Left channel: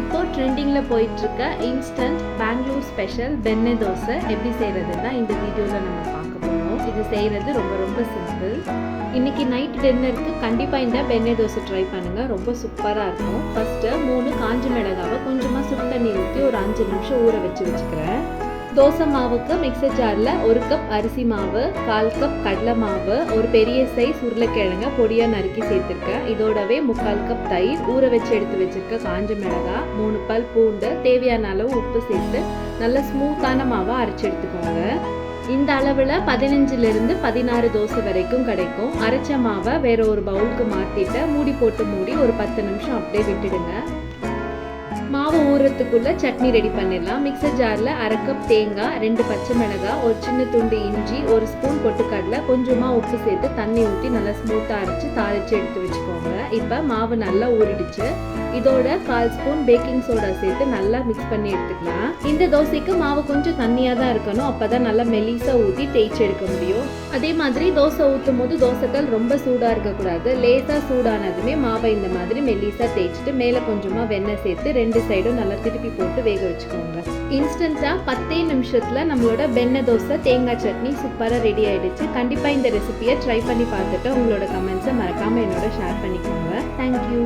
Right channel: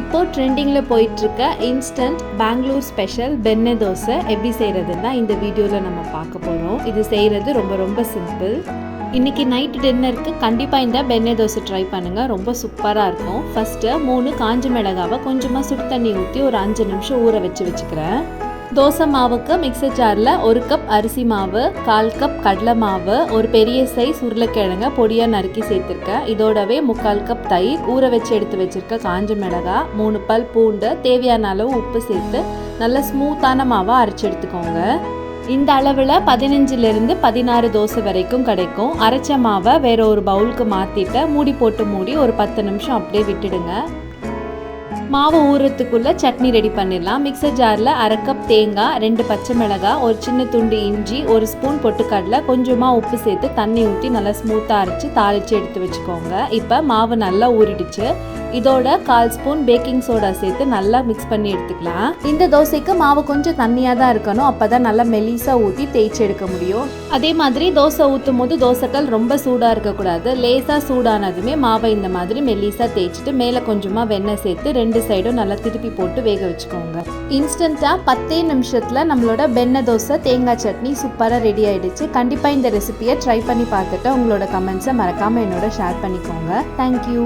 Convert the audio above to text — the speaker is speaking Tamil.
இப்போ ட்ரெண்டிங்கில் போயிட்டுருக்க இன்ஸ்டன்ட் பெங்களூர் ஸ்பெஷல் பெண்ணை தோசை எப்படி செய்கிறதுன்னா இந்த வீடியோவில் நம்ம பார்க்க போகிறோம் இது செய்கிறது ரொம்ப ரொம்ப சிம்பிள் இன்னைக்கு நைட் டின்னருக்கு கண்டிப்பாக இந்த பெண்ணை தோசை ட்ரை பண்ணுங்கள் ரொம்ப சூப்பராக இருக்கும். ஃபஸ்ட்டு மூணு காஞ்ச மிளகாவை கொஞ்சமாக சுடு தண்ணி ஊற்றி ஒரு அஞ்சு நிமிஷம் ஊற வச்சு வச்சுக்கிறேன். தோசை மாவுக்கு மிக்சர் ஜாரில் ஒரு கப் அரிசி மாவு கால் கப் கடலை மாவு ஒரு பெரிய சைஸ் உருளைக்கிழங்க பொடியாக நறுக்கி சேர்த்துருக்கேன். இதோடவே முக்கால் கப் தயிர் ஊற வச்சு எடுத்து வச்சிருக்க காஞ்ச மிளகாய் மூணு பல் பூண்டு தேவையான அளவு உப்பு சேர்த்து நல்ல ஸ்மூத்தான மாவை அரைச்சி எடுத்துக்கோங்க. இந்த அளவில் பதினஞ்சுலேருந்து பதினாறு தோசை வரைக்கும் கிடைக்கும். அரைச்ச மாவை வேற ஒரு பவுலுக்கு மாற்றிட்டு மூடி போட்டு மூடி ஒரு பத்து நிமிஷம் அப்படியே விட்டுடுங்க. மாவு ஊறுறதுக்குள்ளே சட்னி ரெடி பண்ணிடலாம். மிக்சர் ஜாரில் அரை கப் தேங்காய் ரெண்டு பச்சை மிளகாய் ஒரு சின்ன துண்டு இஞ்சி ஒரு ஸ்பூன் பொட்டுக்கடலை கொஞ்சமாக உப்பு சேர்த்து தண்ணி ஊற்றி நல்லா ஸ்மூத்தாக அரைச்சி தாளித்து எடுத்து வச்சுக்கோங்க. இப்போ மாவு நல்லா ஊறிடுச்சு. இதோட கால் ஸ்பூன் பேக்கிங் சோடா சேர்த்து நல்லா மிக்ஸ் பண்ணி எடுத்துக்கலாம். இந்த தோசைக்கு மாவு கொஞ்சம் தண்ணியாக தான் இருக்கணும். அப்போ தான் நல்லா மெலிசாக ஊற்றி தேய்ச்சி எடுக்க முடியும். அதே மாதிரி தோசை ஊற்றும் போது தோசைக்கல் ரொம்ப சூடாக இருக்கக்கூடாது. லேசாக சூடானதுமே மாவை இந்த மாதிரி மெலிசாக தேய்ச்சிட்டு மேலே கொஞ்சமாக வெண்ணெய் சேர்த்து ரெண்டு சைடும் நல்லா திருப்பி போட்டு வேக வச்சுக்கோங்க. இன்ஸ்டண்ட்டாக பத்தே நிமிஷத்தில் நம்மளோட வெண்ணெய் தோசை தேங்காய் சட்னி சூப்பராக ரெடி ஆகிடுச்சு கண்டிப்பாக இந்த ரெசிபியை ட்ரை பண்ணி பார்த்துட்டு உங்களோட கமெண்ட்ஸை மறக்காமல் என்னோட ஷேர் பண்ணிக்கோங்க. தேங்க்யூ